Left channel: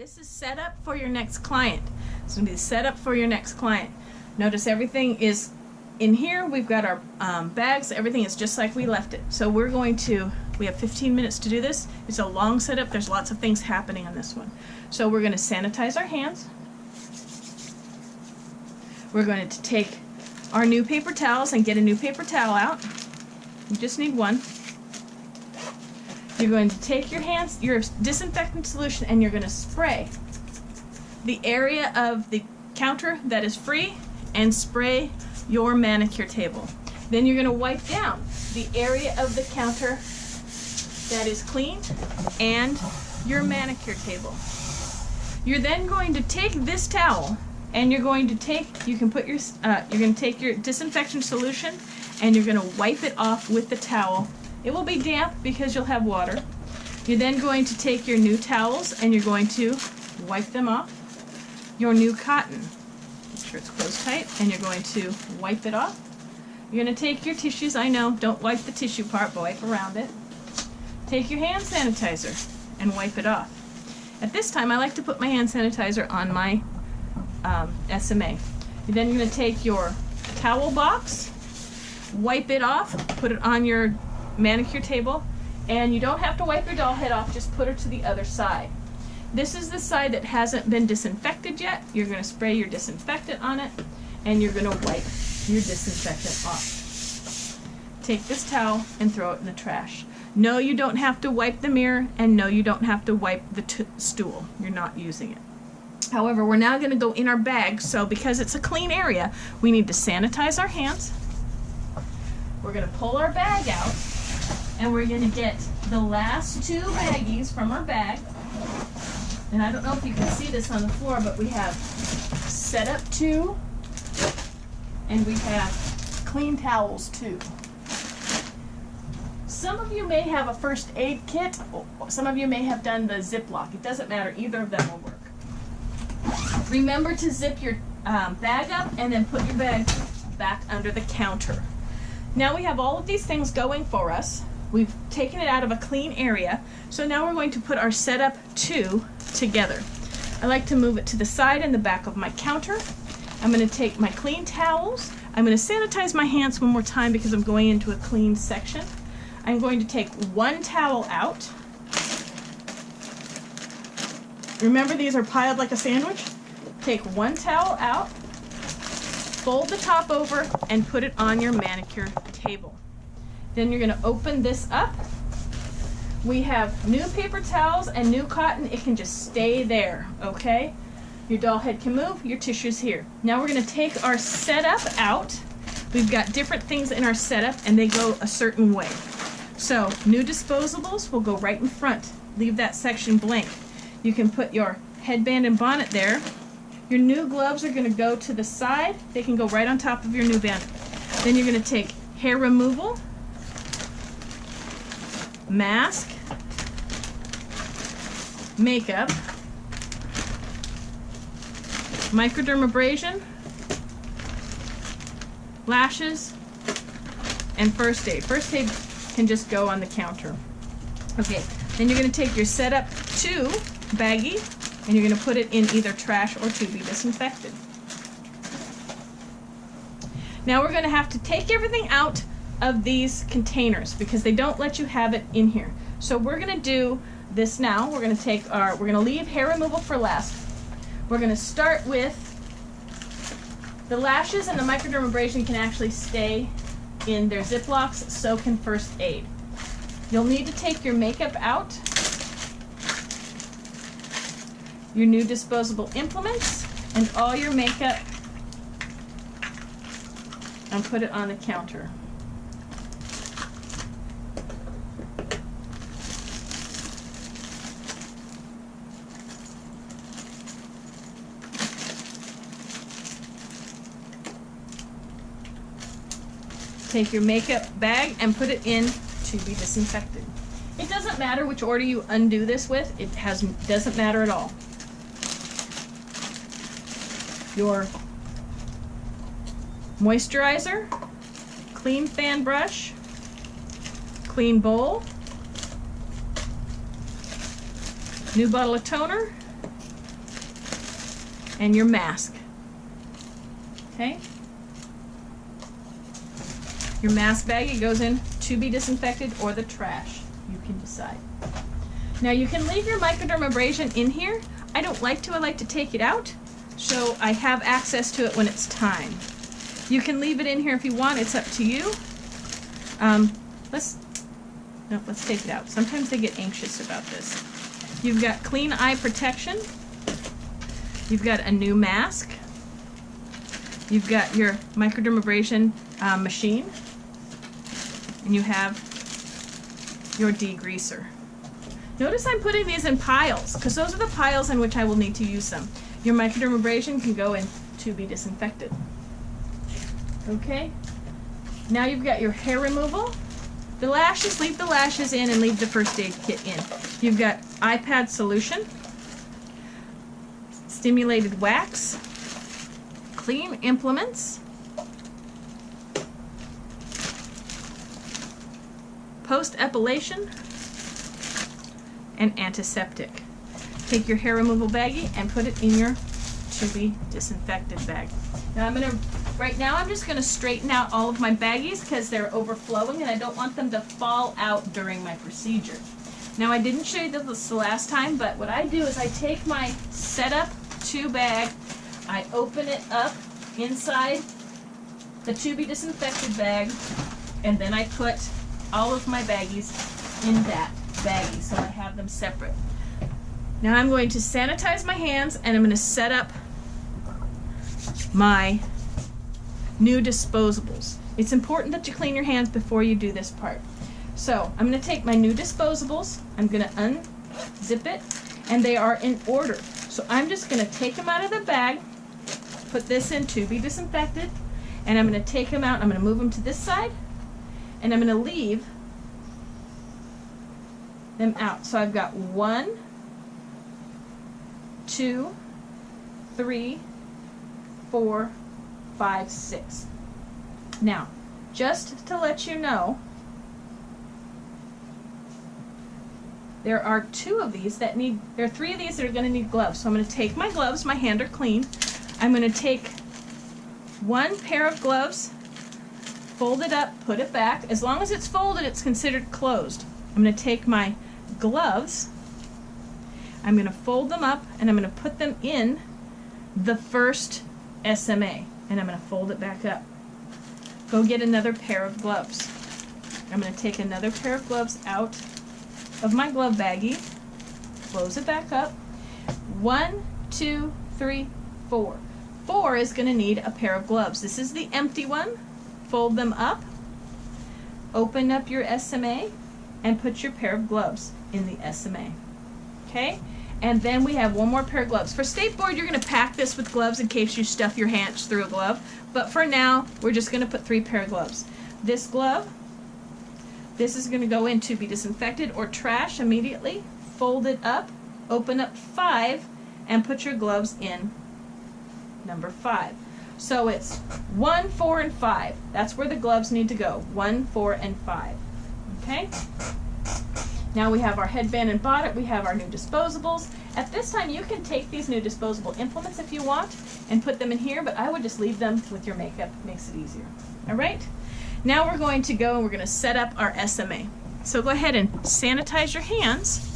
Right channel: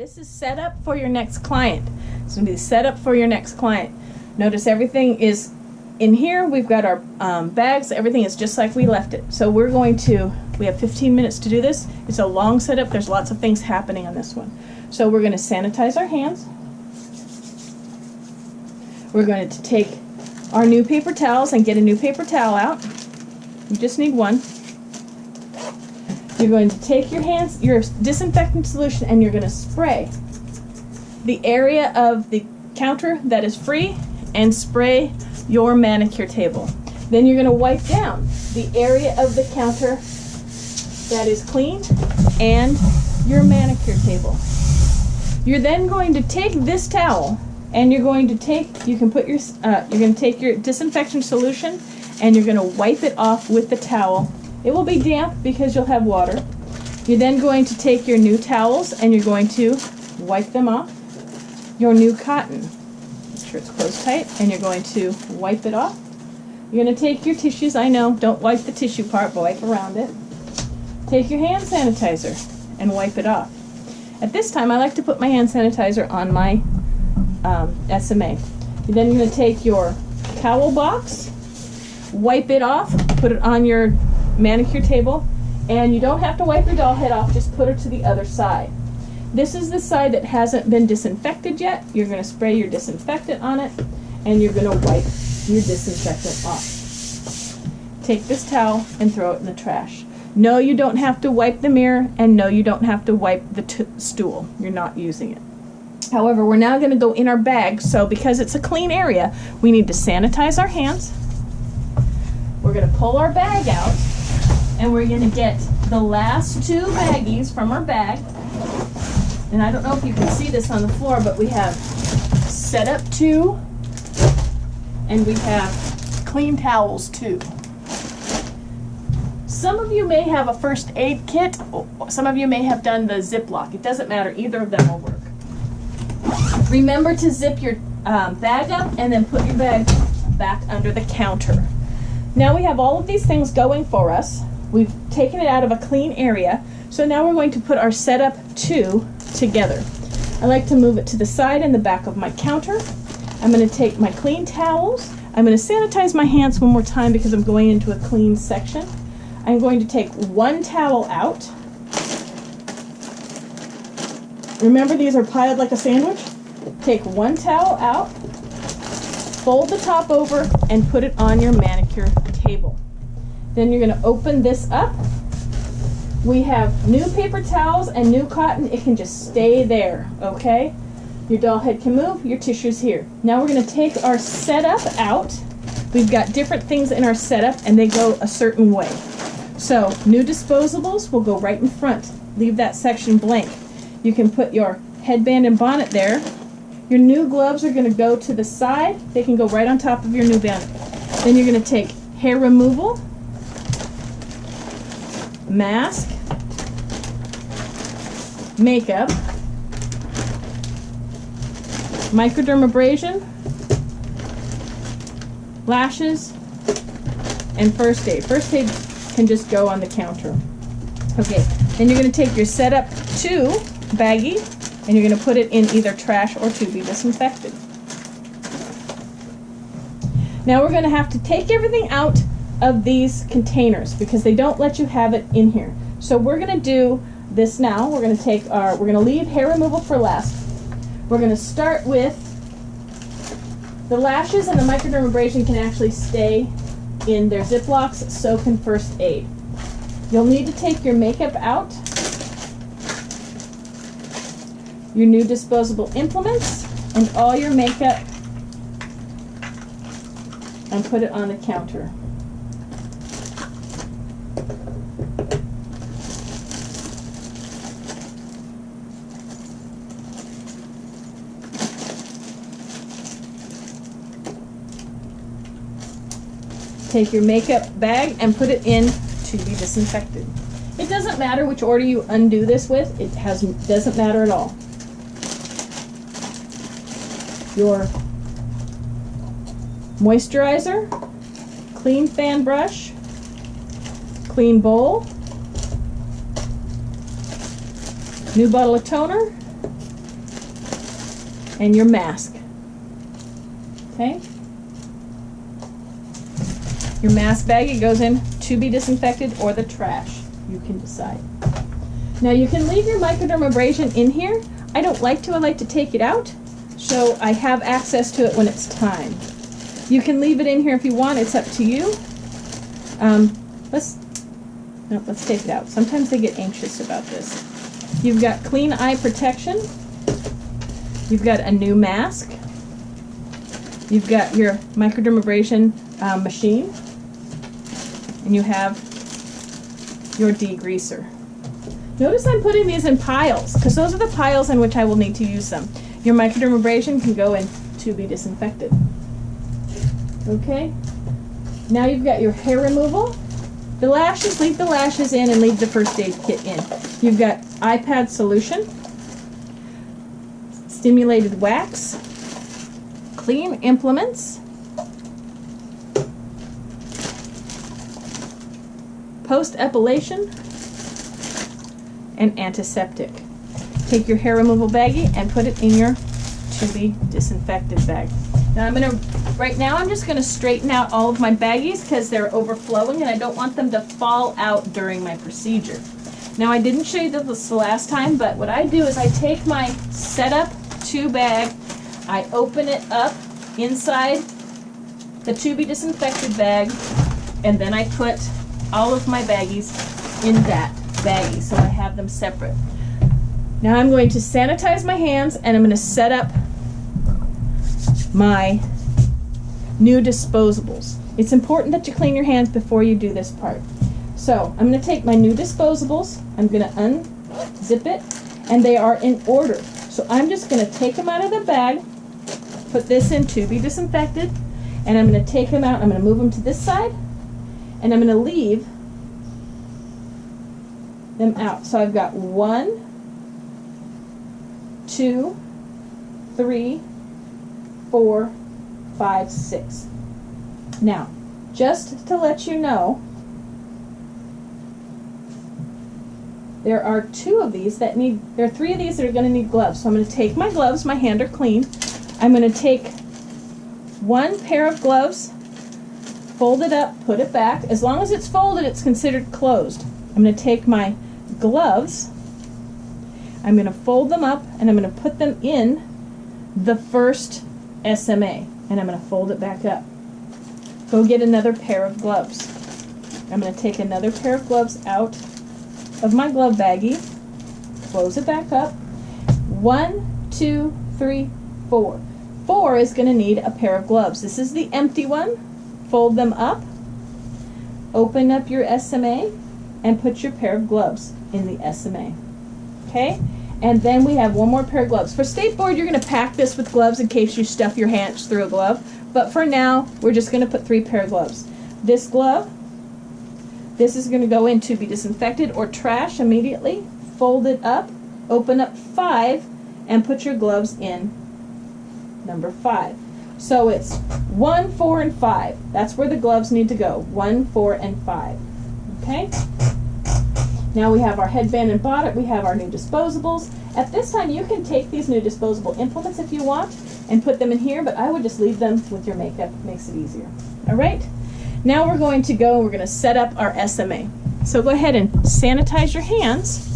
This is set up for your next client. It's going to be set up for your next client. Notice everything is in here. We've got our bags. Everything is just like we left it. So we have 15 minutes to do this. It's a long setup. There's lots of things happening on this one. So we're going to sanitize our hands. We're going to take our new paper towels and get a new paper towel out. You just need one. You're going to take your hands, your disinfectant solution, and you're going to spray the area of the counter that is free and spray your manicure table. Then you're going to wipe down the area of the counter that is clean and your manicure table. You're then going to take this towel and you're going to take your disinfection solution and you're going to wipe it off with the towel. It will be damp because you'll have water. You're then going to take your new towels and you're going to wipe them off. Your new cotton, make sure it's closed tight, and you're going to wipe it off. You're going to take your tissues, I know, don't wipe the tissue part, but wipe around it. Take your hand sanitizer and wipe it off. At this time, I like to put my hand sanitizer on my SMA. You're then going to take your towel box, wipe it off, put it on your manicure table, and you don't have to wipe your doll head off, just put her to the other side. This is the side that hasn't been disinfected yet. You're going to spray your disinfectant on it and you're going to wipe your disinfectant off. Take this towel and throw it in the trash. No, you don't have to wipe the mirror, and no, you don't have to wipe the stool. You're not using it. However, we're now going to go in our bag, so because it's a clean area, we need to sanitize our hands. We're going to pull our bag out, and we're going to get the last two baggies from our bag. And I don't know if you can see this on the floor, but we have set up 2, and we have clean towels 2. Some of you may have a first aid kit. Some of you may have done the Ziploc. It doesn't matter. Either of them will work. Remember to zip your bag up and then put your bag back under the counter. Now we have all of these things going for us. We've taken it out of a clean area. So now we're going to put our setup 2 together. I like to move it to the side and the back of my counter. I'm going to take my clean towels. I'm going to sanitize my hands one more time because I'm going into a clean section. I'm going to take one towel out. Remember, these are piled like a sandwich. Take one towel out, fold the top over, and put it on your manicure table. Then you're going to open this up. We have new paper towels and new cotton. It can just stay there, okay? Your doll head can move, your tissue's here. Now we're going to take our setup out. We've got different things in our setup and they go a certain way. So new disposables will go right in front. Leave that section blank. You can put your headband and bonnet there. Your new gloves are going to go to the side. They can go right on top of your new bonnet. Then you're going to take hair removal, mask, makeup, microdermabrasion, lashes, and first aid. First aid can just go on the counter. Okay, then you're going to take your setup 2 baggie and you're going to put it in either trash or to be disinfected. Now we're going to have to take everything out of these containers because they don't let you have it in here. So we're going to do this now. We're going to leave hair removal for last. We're going to start with the lashes, and the microdermabrasion can actually stay in their Ziplocs, so can first aid. You'll need to take your makeup out, your new disposable implements, and all your makeup, and put it on the counter. Take your makeup bag and put it in to be disinfected. It doesn't matter which order you undo this with. It doesn't matter at all. Your moisturizer, clean fan brush, clean bowl, new bottle of toner, and your mask. Okay? Your mask baggie goes in to be disinfected or the trash. You can decide. Now you can leave your microdermabrasion in here. I don't like to. I like to take it out so I have access to it when it's time. You can leave it in here if you want. It's up to you. Let's take it out. Sometimes they get anxious about this. You've got clean eye protection. You've got a new mask. You've got your microdermabrasion machine. And you have your degreaser. Notice I'm putting these in piles because those are the piles in which I will need to use them. Your microdermabrasion can go in to be disinfected. Okay? Now you've got your hair removal. The lashes, leave the lashes in and leave the first aid kit in. You've got iPad solution, stimulated wax, clean implements, post-epilation, and antiseptic. Take your hair removal baggie and put it in your to be disinfected bag. Now right now I'm just gonna straighten out all of my baggies because they're overflowing and I don't want them to fall out during my procedure. Now I didn't show you this the last time, but what I do is I take my setup 2 bag, I open it up inside the to be disinfected bag, and then I put all of my baggies in that baggie so I have them separate. Now I'm going to sanitize my hands and I'm going to set up my new disposables. It's important that you clean your hands before you do this part. So I'm going to take my new disposables, I'm going to unzip it, and they are in order. So I'm just going to take them out of the bag, put this in to be disinfected, and I'm going to take them out, I'm going to move them to this side, and I'm going to leave them out. So I've got 1, 2, 3, 4, 5, 6. Now, just to let you know, there are 2 of these that need, there are 3 of these that are going to need gloves. So I'm going to take my gloves, my hands are clean. I'm going to take 1 pair of gloves, fold it up, put it back. As long as it's folded, it's considered closed. I'm going to take my gloves, I'm going to fold them up, and I'm going to put them in the first SMA, and I'm going to fold it back up. Go get another pair of gloves. I'm going to take another pair of gloves out of my glove baggie, close it back up. 1, 2, 3, 4. 4 is going to need a pair of gloves. This is the empty one. Fold them up, open up your SMA, and put your pair of gloves in the SMA. Okay? And then we have 1 more pair of gloves. For state board, you're going to pack this with gloves in case you stuff your hands through a glove. But for now, we're just going to put 3 pair of gloves. This glove, this is going to go in to be disinfected or trash immediately. Fold it up, open up 5, and put your gloves in number 5. So it's 1, 4, and 5. That's where the gloves need to go. 1, 4, and 5. Okay? Now we have our headband and bonnet, we have our new disposables. At this time you can take these new disposable implements if you want and put them in here, but I would just leave them with your makeup. It makes it easier. Alright? Now we're going to go and we're going to set up our SMA. So go ahead and sanitize your hands.